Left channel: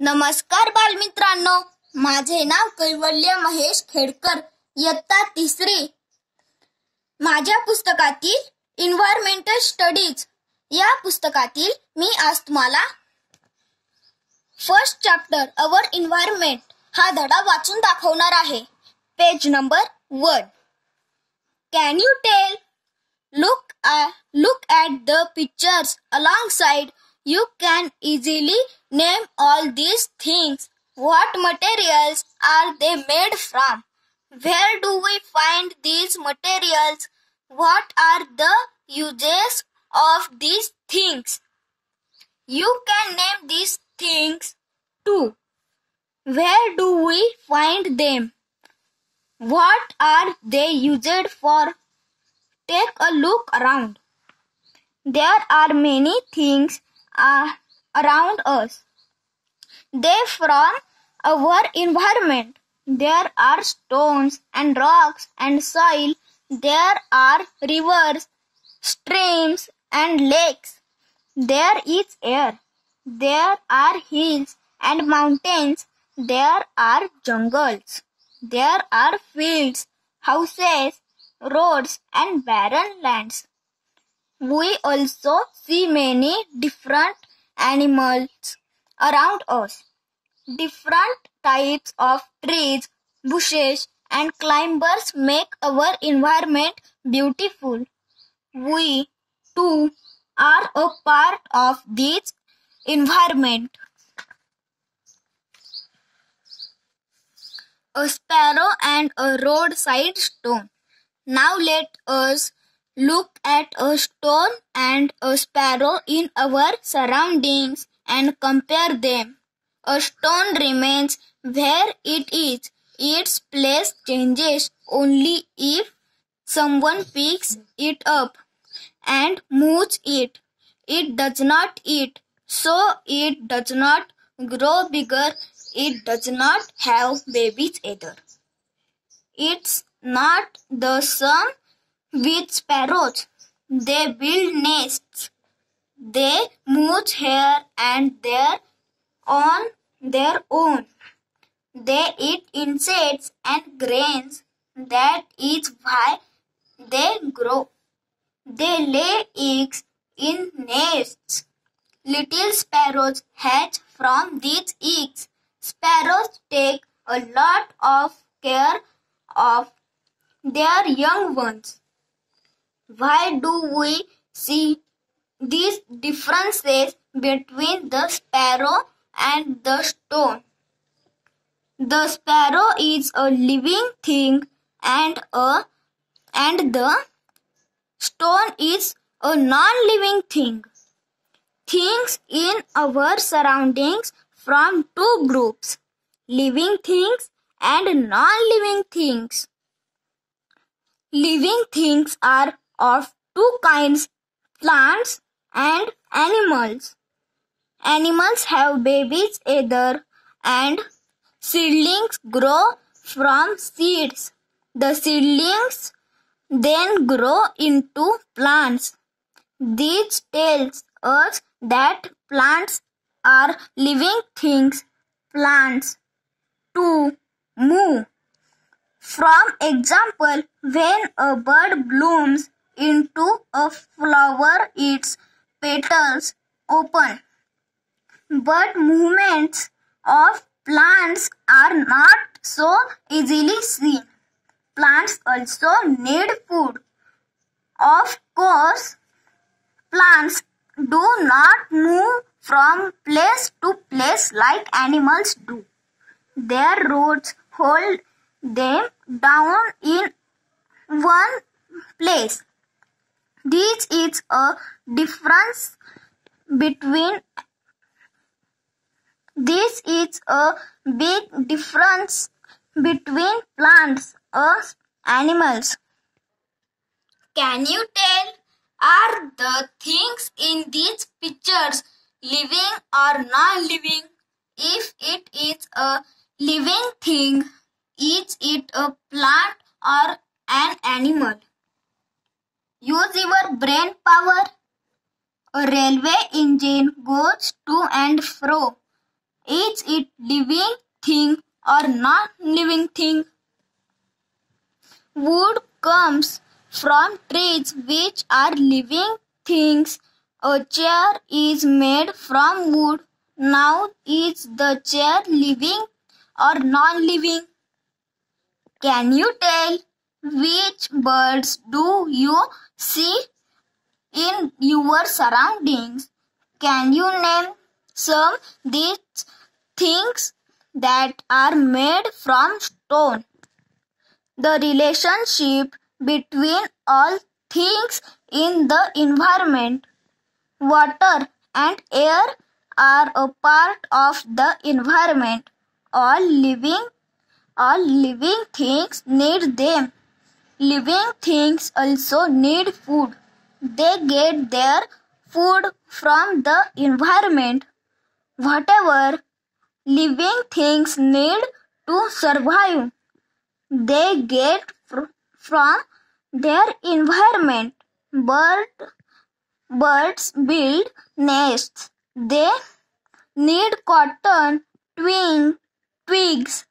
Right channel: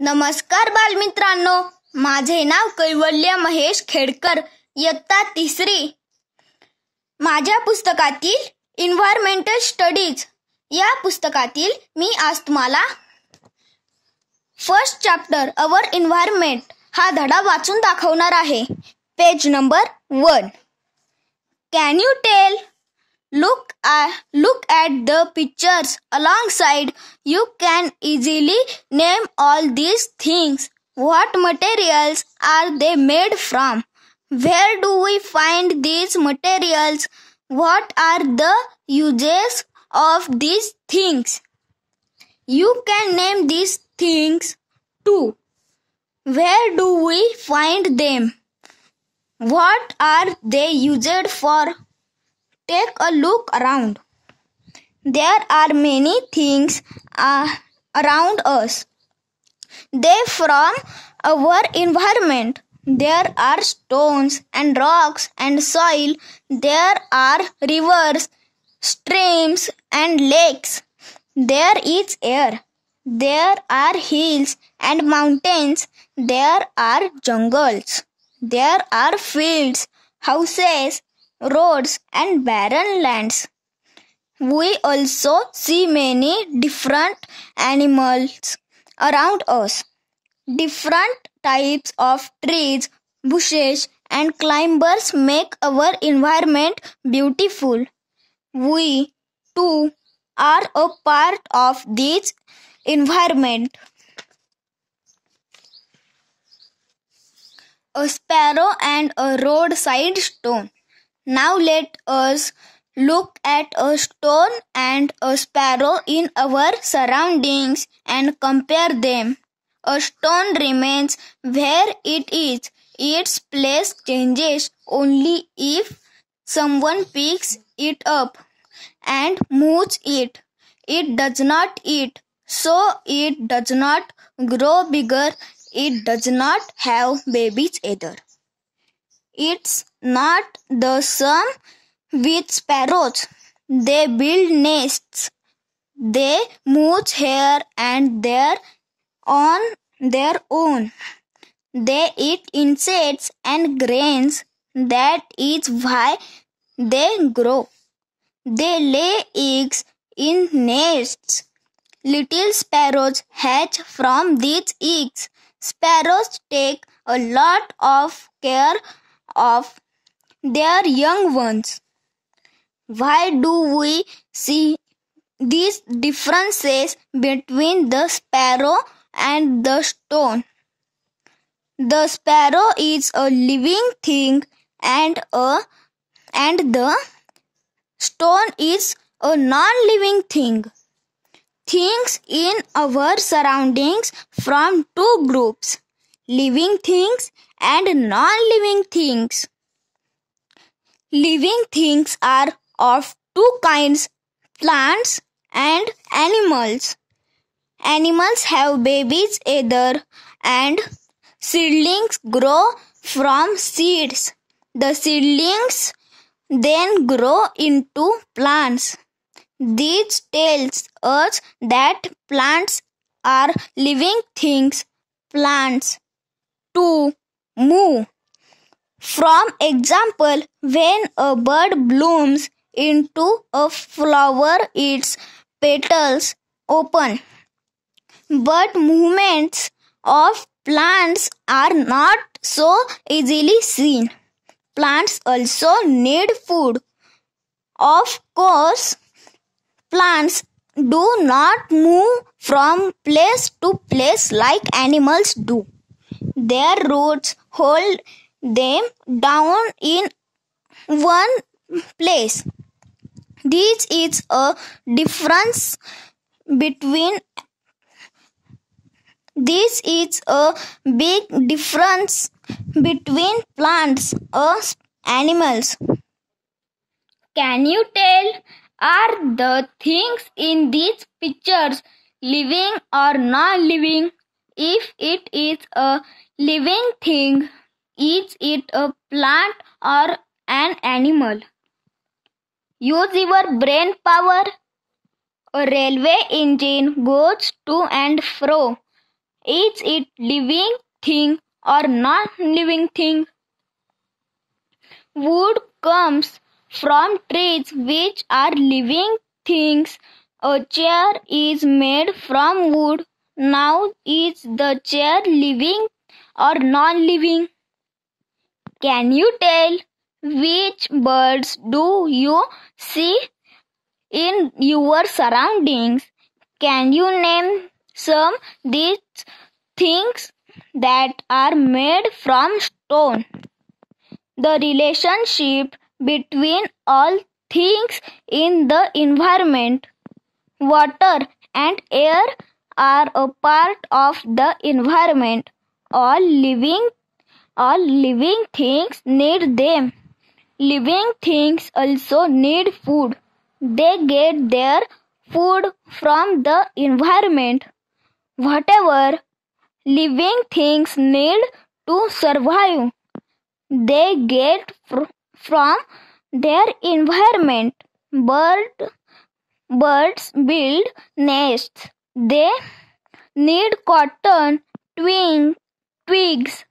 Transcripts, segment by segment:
नमस्कार बालमित्रांनो, माझे नाव कैवल्य महेश खेडकर, इयत्ता 3री. माझ्या पुस्तकातील एन्व्हायरमेंटल स्टडीज या पुस्तकातील मी आज तुम्हाला फर्स्ट चॅप्टर अवर एन्व्हायरमेंट हा धडा वाचून दाखवणार आहे. Page number 1. Can you tell? Look at the pictures alongside. You can easily name all these things. What materials are they made from? Where do we find these materials? What are the uses of these things? You can name these things too. Where do we find them? What are they used for? Take a look around. There are many things around us. They from our environment. There are stones and rocks and soil. There are rivers, streams and lakes. There is air. There are hills and mountains. There are jungles. There are fields, houses, roads and barren lands. We also see many different animals around us. Different types of trees, bushes and climbers make our environment beautiful. We too are a part of this environment. A sparrow and a roadside stone. Now let us look at a stone and a sparrow in our surroundings and compare them. A stone remains where it is. Its place changes only if someone picks it up and moves it. It does not eat, so it does not grow bigger. It does not have babies either. It's not the same with sparrows. They build nests. They move here and there on their own. They eat insects and grains. That is why they grow. They lay eggs in nests. Little sparrows hatch from these eggs. Sparrows take a lot of care of their young ones. Why do we see these differences between the sparrow and the stone? The sparrow is a living thing and the stone is a non-living thing. Things in our surroundings from two groups: living things and non-living things. Living things are of two kinds: plants and animals. Animals have babies either, and seedlings grow from seeds. The seedlings then grow into plants. This tells us that plants are living things. Plants too move. For example, when a bird blooms into a flower, its petals open. But movements of plants are not so easily seen. Plants also need food. Of course, plants do not move from place to place like animals do. Their roots hold them down in one place. This is a difference between This is a big difference between plants and animals. Can you tell? Are the things in these pictures living or non-living? If it is a living thing, is it a plant or an animal? Use your brain power. A railway engine goes to and fro. Is it living thing or non-living thing? Wood comes from trees which are living things. A chair is made from wood. Now is the chair living or non-living? Can you tell which birds do you see in your surroundings? Can you name some these things that are made from stone? The relationship between all things in the environment. Water and air are a part of the environment. All living things need them. Living things also need food. They get their food from the environment. Whatever living things need to survive, they get from their environment. Birds build nests. They need cotton, twigs,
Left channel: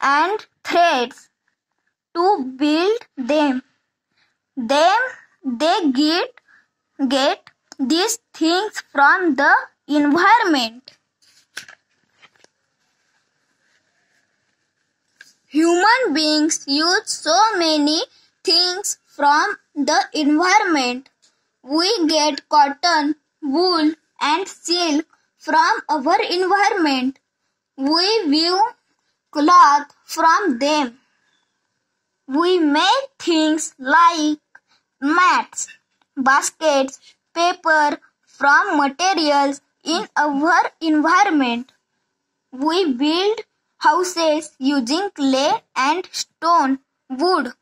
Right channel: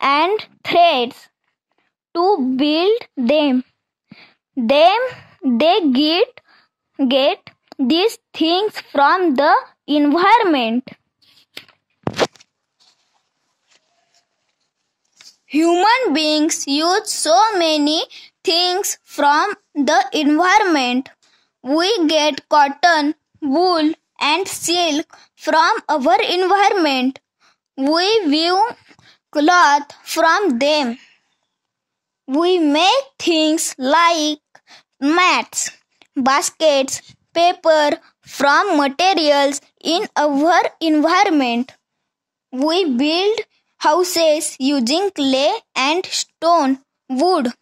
and threads to build them. They get these things from the environment. Human beings use so many things from the environment. We get cotton, wool, and silk from our environment. We weave cloth from them. We make things like mats, baskets, paper from materials in our environment. We build houses using clay and stone, wood.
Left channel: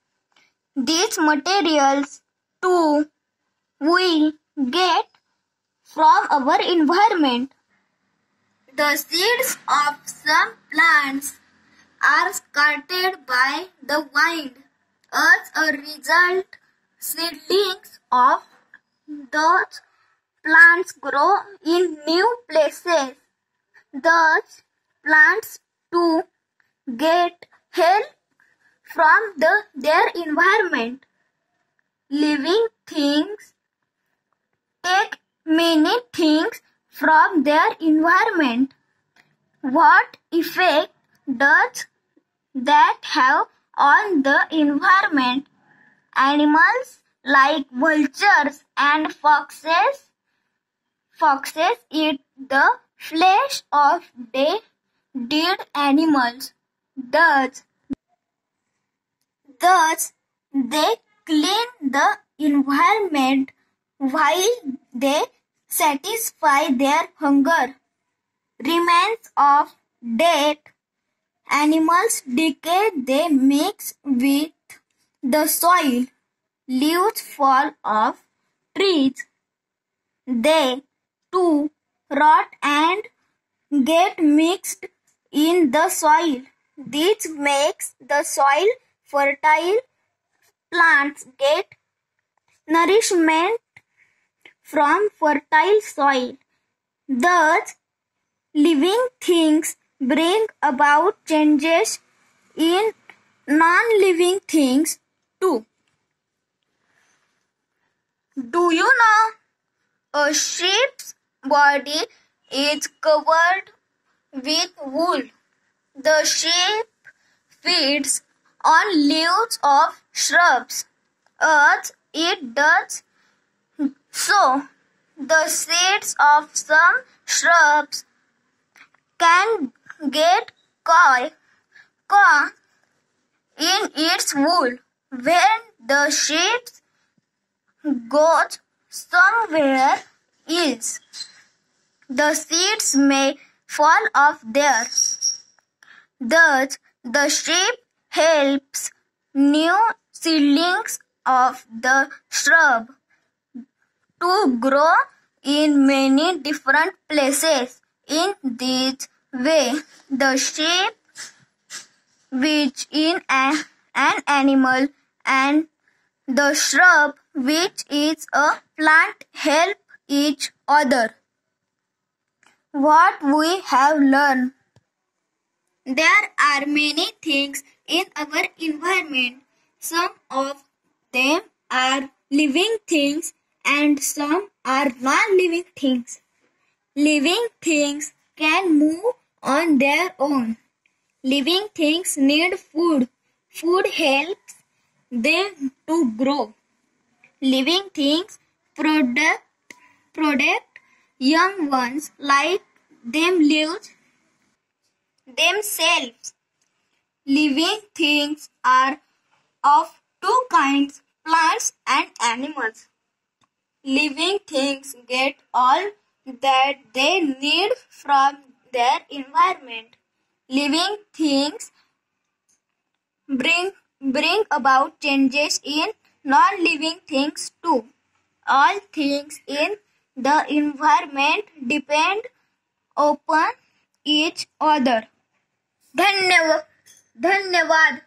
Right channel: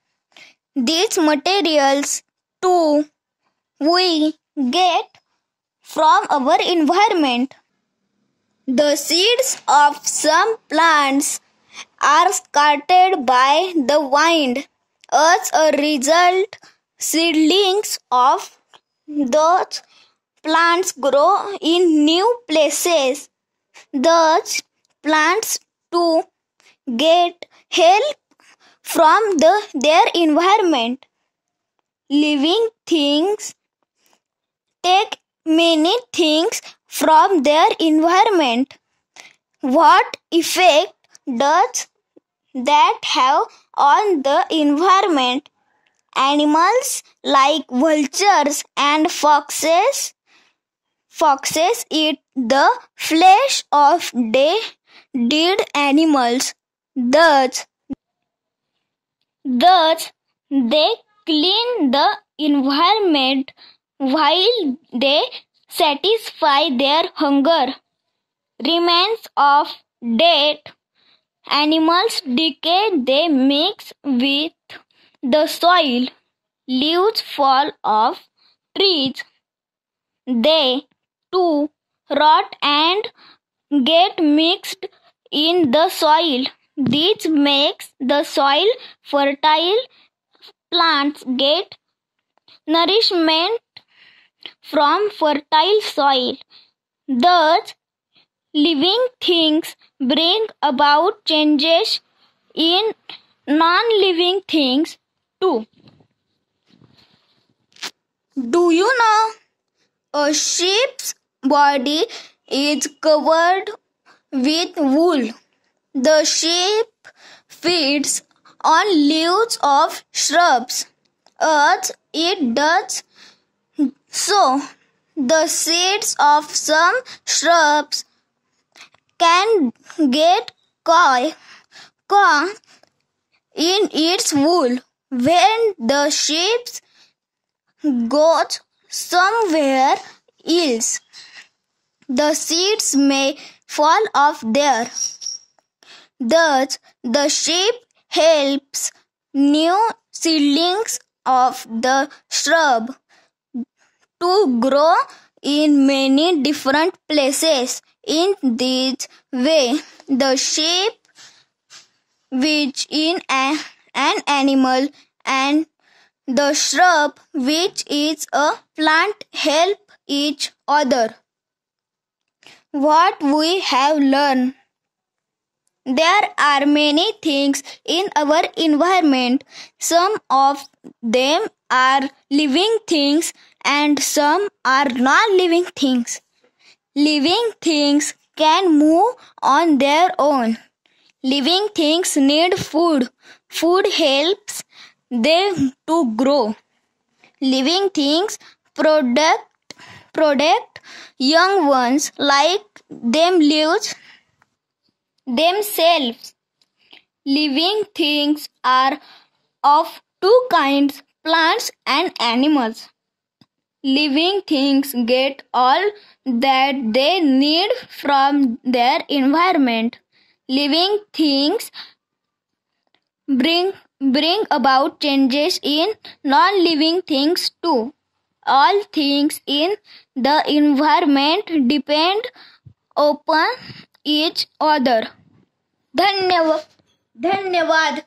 These materials too we get from our environment. The seeds of some plants are scattered by the wind. As a result, seedlings of those plants grow in new places. Those plants too get help from their environment. Living things take many things from their environment. What effect does that have on the environment? Animals like vultures and foxes eat the flesh of dead animals. Thus they clean the environment while they satisfy their hunger. Remains of dead animals decay, they mix with the soil. Leaves fall off trees. They too rot and get mixed in the soil. This makes the soil fertile. Plants get nourishment from fertile soil. Thus, living things bring about changes in non-living things too. Do you know a sheep's body is covered with wool? The sheep feeds on leaves of shrubs. As it does so, the seeds of some shrubs can get caught in its wool. When the sheep goes somewhere else, the seeds may fall off there. Thus, the sheep helps new seedlings of the shrub to grow in many different places. In this way, the sheep, which is an animal, and the shrub, which is a plant, help each other. what we have learned. There are many things in our environment. Some of them are living things and some are non-living things. Living things can move on their own. Living things need food. Food helps them to grow. Living things protect young ones like them lives themselves. Living things are of two kinds, plants and animals. Living things get all that they need from their environment. Living things bring about changes in non-living things too. All things in the environment depend upon each other. धन्यवाद.